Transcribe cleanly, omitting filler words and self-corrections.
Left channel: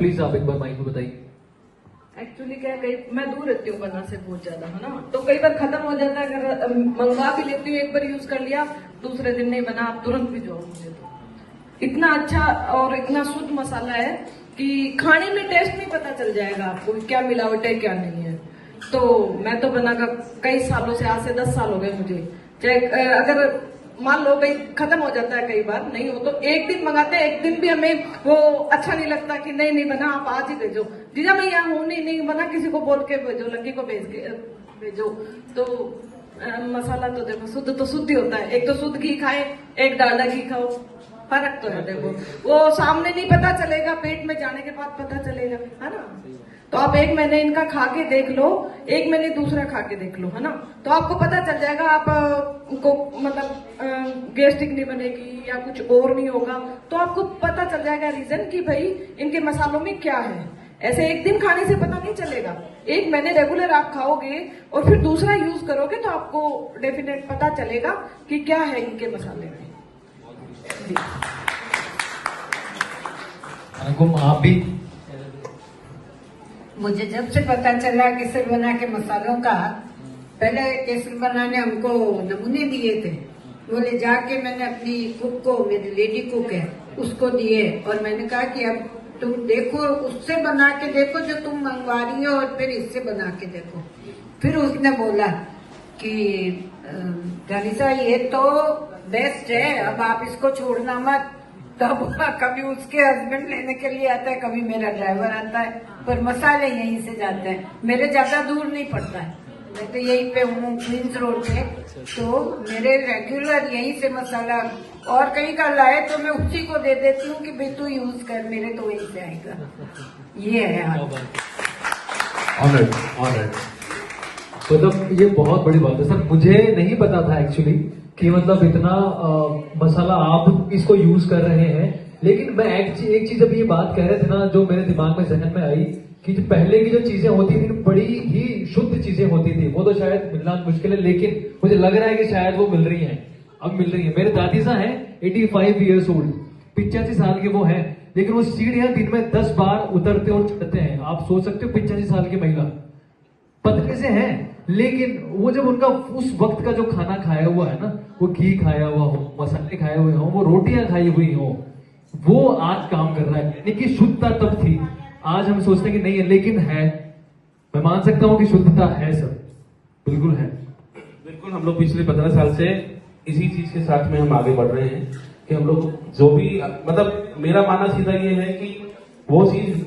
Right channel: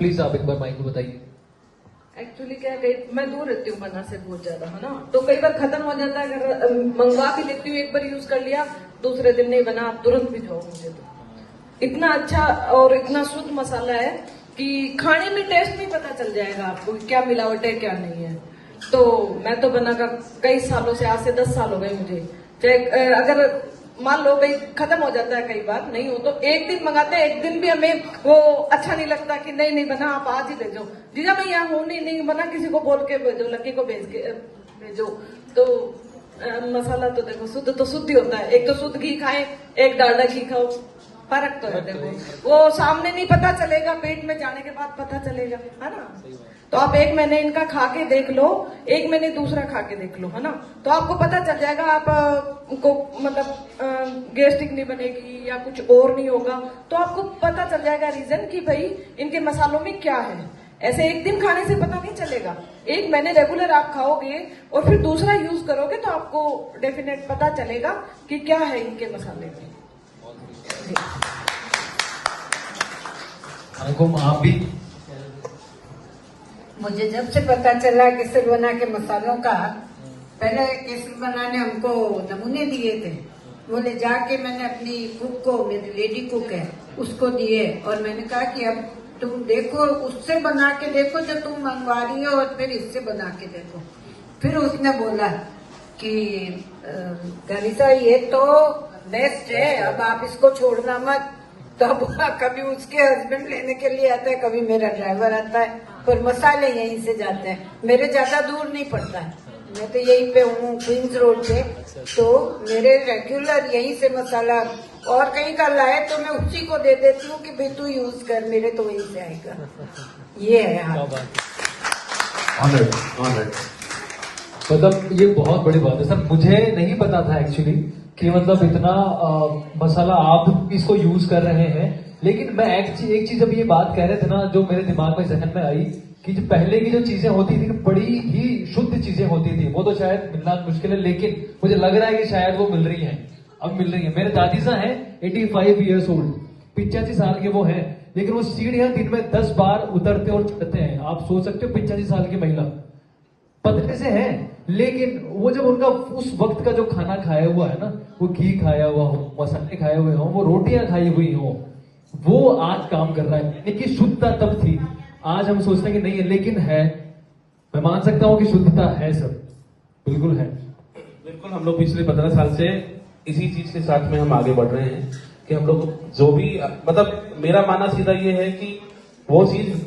Please आप एक बार mic में बताइए। एक्चुअली क्या है, मैं दूर रहती हूँ बना से बहुत ज्यादा, है ना, तो कई बार खत्म हो जाता है। अगर मंगवा के लेती हूँ, एक बार यूज कर लिया, दूसरे दिन नहीं बना, आप तुरंत भिजवाओ मुझे। तो इतना अच्छा और इतना शुद्ध मसाला है कि खाने में टेस्ट नहीं पता चल जाएगा आपको क्या मिलावट है क्या नहीं है। तो मैं तो बनाकर कई सालों से, आज से 10 साल हो गए मुझे। चाहे अगर मान लो भाई खत्म हो जाता है, कई बार नहीं हो तो एक दिन मंगाते हैं, एक दिन भी हमें वो अच्छा नहीं लगता कि नहीं बना, आप आज ही भेजो। जीजा मैं यहाँ हूँ, नहीं बना, किसी को बोल के भेजो, लड़की को भेज के भेजो। तो मसाला तो देखो शुद्ध तो शुद्ध ही होता है। एक तो शुद्ध घी खाए, एक डालडा घी खाओ, फर्क तो है। देखो वो सामने नहीं पता चलेगा, पेट में जाने के बाद पता चलेगा, है ना। तो आप 1 महीने इनका खा के देख लो, 1 महीने दूसरा खा के देख लो, है ना, तो आपको पता चल जाएगा। आप को मतलब गैस्ट्रिक नहीं बनेगी या कुछ और नहीं होगा, तो आपको पता चल जाएगा रीजन कि भाई इनके मसालों में क्या है। ऐसे एक दिन खाने से पता नहीं चलेगा, 1 महीने रेगुलर आप खाओगे और फिर दूसरा यूज करोगे तो आपको डेफिनेट पता चलेगा कि क्या है इनके मसाले में। आप भी। मुझे जब से पता चला केसर बना के मसालों का, पहले केसर बनाने हमको नमूने दिए थे, वो ले जाके मैंने अपनी कुक को, मेरी लेडी कुक है, उसको दिए और मैंने कहा कि अब तुम देखो, उससे बना के देखो जो तुम मंगवा रही हो और फिर इससे बना के देखो। फिर उसने बोला कि धनीसा ये तो बेस्ट है, अब आप इसको छोड़ना मत। तो कभी उसके हस्बैंड लेने के लिए आता है, कभी मेरा ड्राइवर आता है, पर मसाले यहीं से जाते हैं, मेरे ज्यादा दूर नहीं पड़ता है, मैं तो यहीं पे हूँ क्वींस रोड पे, तो मेरे रेगुलर यहीं से मसाला, और कहीं का लाए तो मैं उसी को दे देती हूँ कि भाई तू यूज कर, मेरे तो वहीं से आएगा। ये है मतलब ये बहुत बड़ी बात है सर, मुझे नहीं पता था एक्चुअली कि मतलब इतना मसाला आप इसको यूज कर रहे हैं। लेकिन मैं एक चीज अभी ये बात कह रहे थे ना, जो मेरे दिमाग में जहन में आई कि जो पहले की जो चीजें होती थी बड़ी ही शुद्ध चीजें होती थी, वो तो शायद मिलना मुश्किल है, लेकिन मुझे लग रहा है कि शायद वो मिल रही हैं, अब मिल रही है। मेरे दादी साहब हैं 85 ईयर्स ओल्ड, 85 साल के वो हैं, लेकिन वो सीढ़ियां दिन में 10 बार उतरते और चढ़ते हैं। आप सोच सकते हो 85 साल की महिला, पतले से है, लेकिन वो जब उनका उस वक्त का जो खाना खाया हुआ है ना, वो घी खाया हुआ हो, मसाले खाए हुए हो, वो रोटियां खाई हुई हो, वो आज काम कर रहा है। यानी कि शुद्धता तब थी, आज हम सोचते हैं कि नहीं है, लेकिन है। मैं मान सकता हूं कि शुद्धता है सर, बिल्कुल है। बिल्कुल, हम लोग पिछले 15 साल से इसी चीज के साथ में हम आगे बढ़ रहे हैं कि हम लोग जो भी, मतलब मेरा मानना सीधा ये है कि वो चीज